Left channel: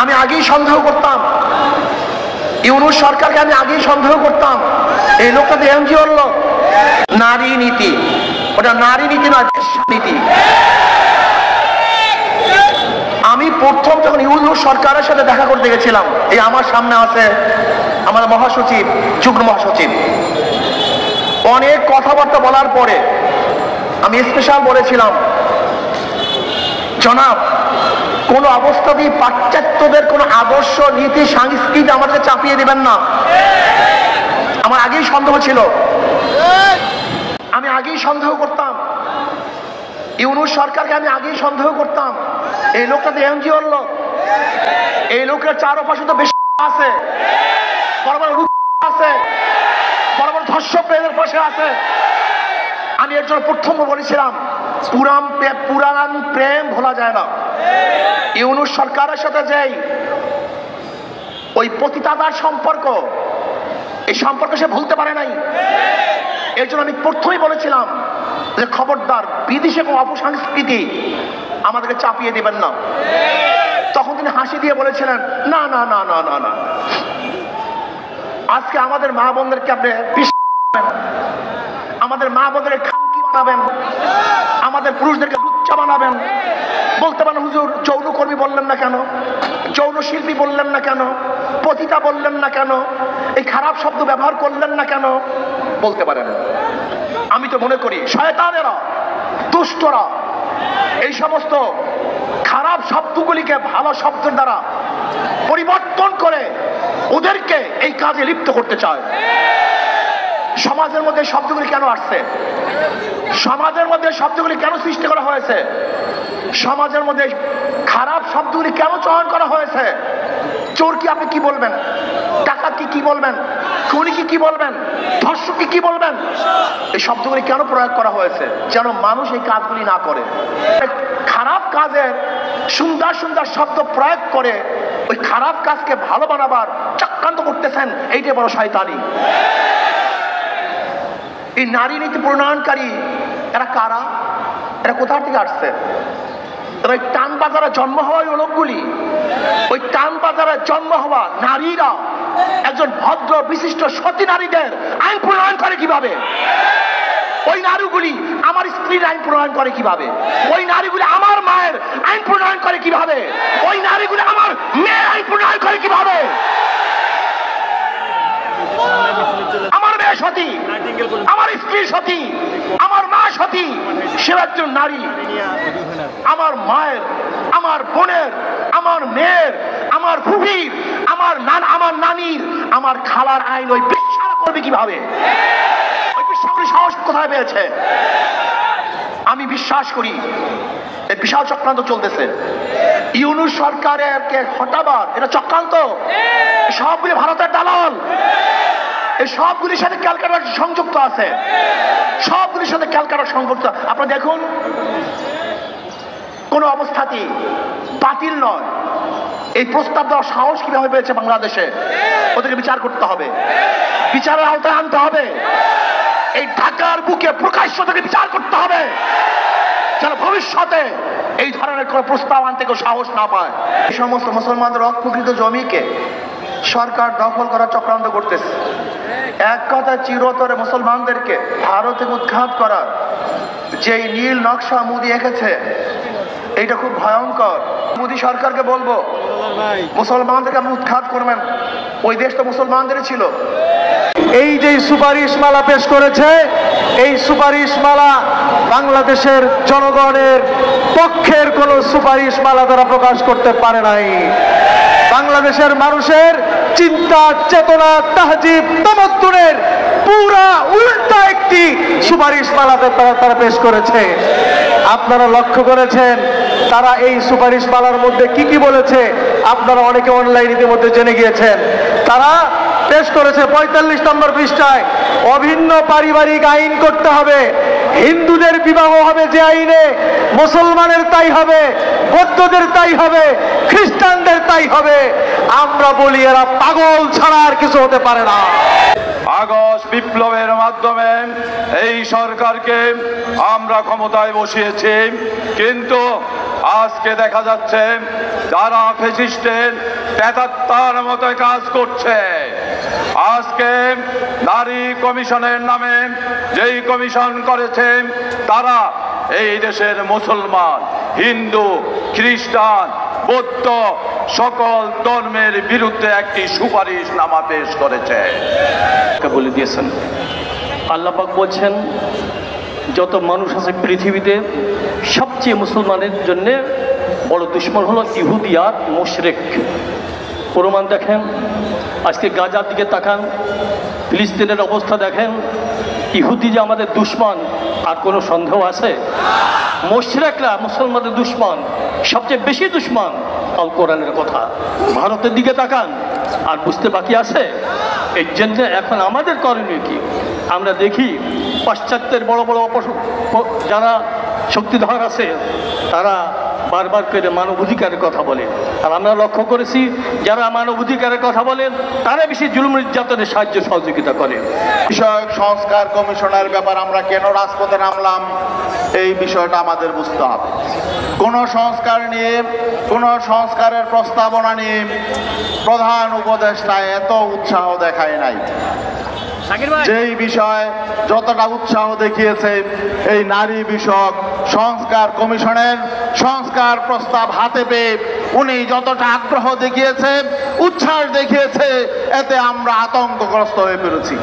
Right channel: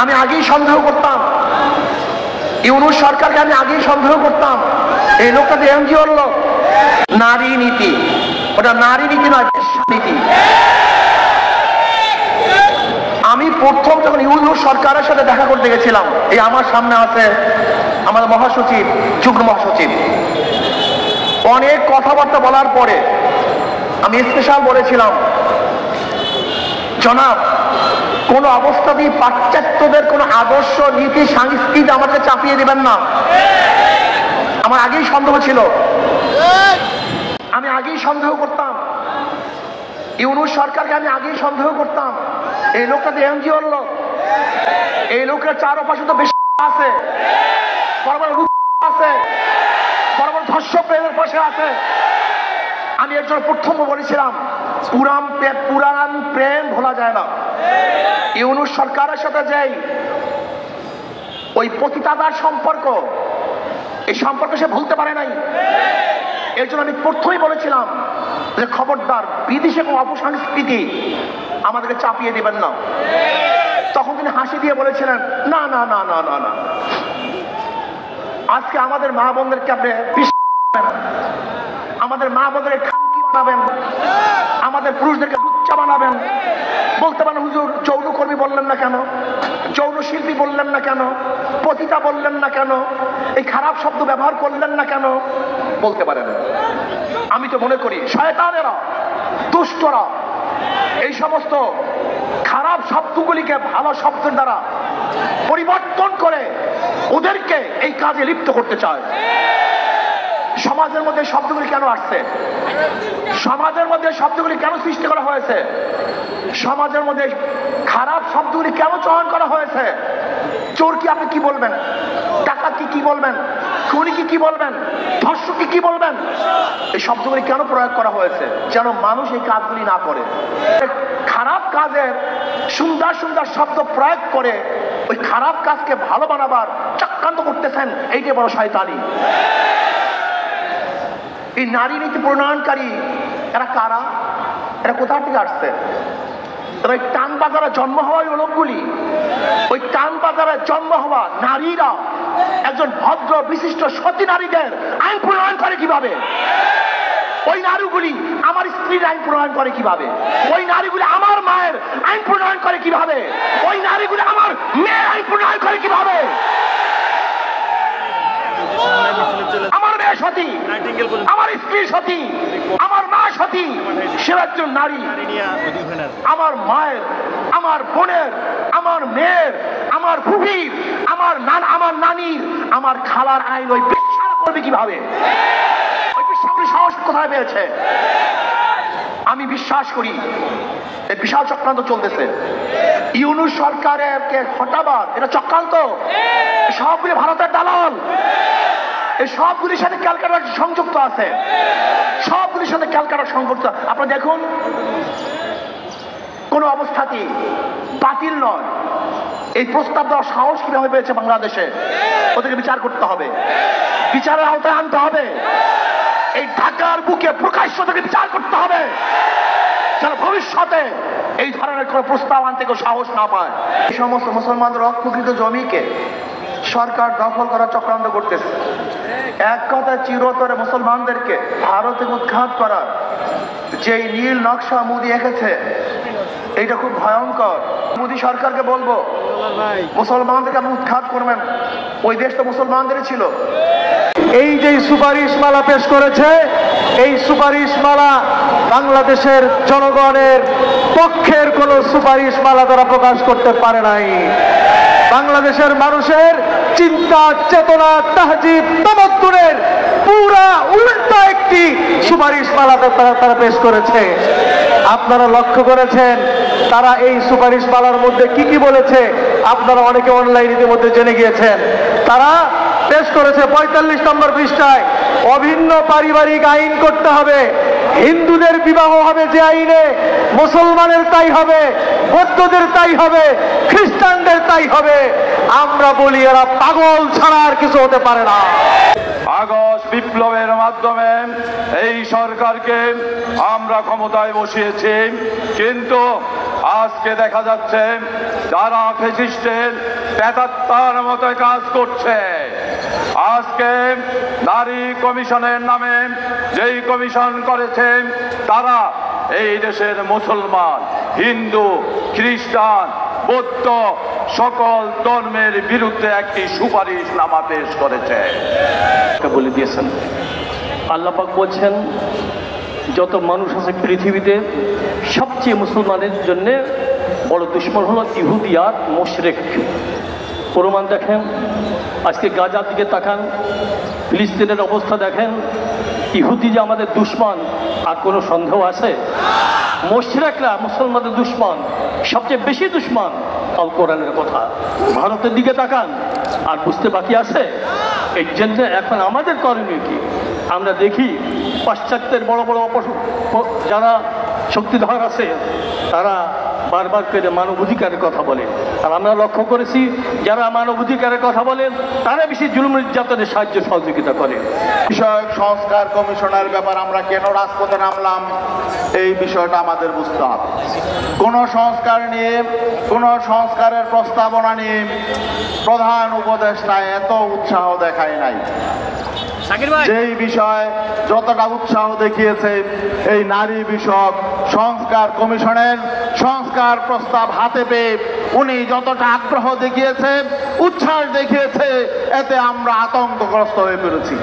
আমি আগেই সন্দেহ করতাম, ইউনূস সরকারকে আমি আগেই সন্দেহ করতাম। এই লোকটা তো এনজিওর লোক। নারী নীতি, ওটা নারী নীতি নয়, নীতি। আমি প্রথম যখন ইউনূস সরকারের সাথে দেখা করতে গেছিলাম, এই আমার সামনে আছে আমাদের মহাসচিব, যুগ্ম মহাসচিব, অনেক কথাবার্তা বলার পরে আমি স্পেশাল বলেছিলাম, জনাব কোন অবস্থাতেই পাশ্চাত্যদের কোন আদর্শ নীতি সংস্কৃতি আমাকে চাপিয়ে দিবেন না। আমার আগেই সন্দেহ ছিল, আমি আগেই সন্দেহ করতাম, ইউনূস সরকারকে আমি আগেই সন্দেহ করতাম। এই লোকটা তো এনজিওর লোক, এই লোকের চারপাশে তো বেশি আছে, বড় বড় আছে, বড় বড় ধর্ষকের পাশে আছে। আমি এর জন্য প্রথম বলেছিলাম, পুরান প্রেম ভোলা যায় না। ইউনূস সরকারের সাথে যাই ওই পতিতাদার সম্পর্ক, এই সম্পর্ক সে ভুলতে পারে নাই। এর জন্য আমি প্রথমেই বলেছিলাম যে খবরদার বিদেশে কোনো অপসংস্কৃতি আমাদেরকে চাপিয়ে দিবেন না। তখন তিনি হাসি দিয়ে বলেছিলেন, না না না না না না, আজকে আমাদের মা বোনদেরকে আপনি আমাদের মা বোনদের খানকি বানাবেন, আমাদের পুরুষদেরকে লুচ্চা বানাবেন। বলতে পারেন হুজুর যৌনকর্মী বললেন না কেন, যৌন শিল্পী বললেন না কেন, পতিতা বললেন না কেন, এই খারাপ শব্দ ব্যবহার করলেন না কেন, বলতে পারেন। আমি তো মনে করি শয়তানেরা, দুষ্টরা এই সমস্ত খারাপ শব্দগুলিকে ভালো শব্দের দ্বারা পরিবর্তন করে ওদেরকে এই কাজে লিপ্ত করতে চায়। সমাজের মধ্যে শব্দগুলি কেন আসছে, সমাজের মধ্যে শব্দগুলি কেন সৃষ্টি করা হয়েছে, সমাজের মধ্যে খারাপ শব্দগুলি কেন চয়ন করা হয়েছে? চোরকে আপনি কি বলবেন, ডাকাতকে কি বলবেন, খুনিকে কি বলবেন, ধর্ষককে কি বলবেন? এই শব্দগুলি কেন প্রয়োগ করা হয়েছে? যেন মানুষ এই কাজগুলি না করে। খারাপ কাজের সুন্দর সুন্দর শব্দ প্রয়োগ করে ওই খারাপ কাজকে ভালো বানাবার চক্রান্ত করতেছেন, এইটাই বড় শয়তানি। এই নারী নীতি প্রণয়নকারী এরা কারা, এরা কোথা থেকে আসছে? ওই টান বাজারে জন্ম হওয়া ওই লোকগুলি, ওই টান বাজারে জন্ম হওয়া নারীরা একজন ভদ্র বিশিষ্ট সতী নারীদের আইন প্রণয়ন করে কিভাবে? ওই নারীগুলি আমার স্ত্রীর আইন প্রণয়ন করে কিভাবে? ওই নারীগুলি আমার মায়ের আইন প্রণয়ন করে কিভাবে? ওই নারীগুলি আমার মেয়ের আইন প্রণয়ন করে কিভাবে? আমার মেয়ে সতী, আমার স্ত্রী সতী, আমার মা সতী, সে একজন নারী। আমার মায়ের, আমার বোনের, আমার মেয়ের, আমার ফুফির, আমার নানির, আমার খালার আইন ওই বিশ্বাস করবে কিভাবে? ওই বিশ্বাস সাহস কোথায় পেয়েছে? আমি বিশ্বাস করি এই বিশাল চক্রান্ত চলতেছে। ইউনূস সরকারকে হটাবার এটা চক্রান্ত, সবগুলি ভারতের দালাল, এই সবগুলির সাথে ক্যালকাটা সংযুক্ত আছে, সবগুলির সাথে ক্যালকাটা সংযুক্ত। আপনারা দেখুন, কোন অবস্থাতেই বাতিল নয় এই প্রস্তাব দেওয়ার সাহস কিভাবে পেয়েছে বাংলাদেশে। ওদেরকে বিচার করতে হবে, বিচারের আওতায় আনতে হবে। এই ঢাকার বুকে প্রকাশ্য থেকে বিচার করতে হবে, যেন ভবিষ্যতে এই ধরনের কোন প্রস্তাব আনতে কেউ সাহস না পায়। এই সমস্ত মুসলমানদের অপ্রকৃত জমিকে সরকার দখল করার চক্রান্ত করতেছে। এক কথায় চিরতরে মুসলমানদেরকে ভারতে উৎখাত করার যে নীল নকশা মোদী এঁকেছে, এইটা খুব ভয়ঙ্কর। মোদী সরকারকে বলবো, মুসলমানদেরকে আপনি উৎখাত করবেন, ওই দেশ তো মুসলমানদেরই ছিল। এই যে সুপারিশমালা পেশ করেছে, এই সুপারিশমালা বাংলাদেশের জনগণের পক্ষের কোন সুপারিশমালা তারা প্রকাশ করতে পারে নাই। বাংলাদেশের মানুষের চিন্তা, চেতনা, তাহজিব, তামাদ্দুনের পুরা উল্টা একটি সুপারিশমালাতে তারা পেশ করেছে। আপনারা লক্ষ্য করেছেন তারা এই সুপারিশমালার মধ্যে কি কি বলেছে, আপনারা অনেকে অনলাইন ইতিমধ্যে জেনে গিয়েছেন। তারা পেশ করেছে 45 নম্বর পৃষ্ঠায়, অভিন্ন পারিবারিক আইন করতে হবে, হিন্দুদের বিবাহ হবে যে আইনে, মুসলমানের তাই হবে, বৌদ্ধদের তাই হবে, খ্রিস্টানদের তাই হবে। আমরা বলি এরা পাগল ছাড়া আর কিছু হতে পারে না। আগস্ট বিপ্লবের মাধ্যমে এই সরকারকে আমরা আমরা ক্ষমতায় বসিয়েছি, কিন্তু আজকে দেখা যাচ্ছে যারা ফ্যাসিস্টের প্রেতাত্মার মতো কাজ করছে। আজকে নারী কমিশনের নামে যেই কমিশন করেছে, তারা এই দেশের মুসলমান, হিন্দু, খ্রিস্টান, বৌদ্ধ সকল ধর্মের বিরুদ্ধে একটি সুপারিশনামা পেশ করেছে। বলে দিয়েছেন, আল্লাহ পাক বলছেন যত মানুষ আছে পৃথিবীতে সবচেয়ে মুসলমানের জন্য বড় দুশ্মন হলো ইহুদি আর মুশরিক। প্রমাণ দেখেন, আজকে গাজার দিকে তাকান, ফিলিস্তিনের অবস্থা দেখেন। ইহুদি যে আমাদের দুশ্মন আর কোনো সন্দেহ আছে? মুশরিকরা মুসলমানদের দুশ্মন, সবচেয়ে বেশি দুশ্মন। আল কোরআনের কথা। ভারতের দিকে তাকান, আর বুঝতে বাকি আছে? এর জন্য এখন আমাদের করণীয় কি? আমরা দেখি পাশ্চাত্যের বড় বড় যারা শক্তিধর আছে, তারা বারবার করে মানবাধিকারের কথা বলে, আর আমরা লক্ষ্য করেছি যারা মানবাধিকারের কথা বলেন তারা বেশি জুলুম নির্যাতনের সাহায্য সহযোগিতা করে। বিষয়ক সংস্কার কমিশনের ব্যাপার আমরা কেন রাজপথে নামলাম, এই বিষয়টা আমাদের বুঝতে হবে। কোন সংস্কার নিয়ে, কোন সংস্কারের প্রস্তাবনা নিয়ে প্রধান উপদেষ্টা এত উৎসাহ দেখায় নাই। যেই বিষয় যতটা উৎসাহ দেখিয়েছে এই নারী বিষয়ক সংস্কার কমিশনের সংস্কার প্রস্তাব হাতে পেয়ে উনি যতটা আগ্রহ দেখিয়েছে, উচ্ছ্বাস দেখিয়েছে, এতে আমরা আতঙ্কগ্রস্ত হয়ে পড়েছি।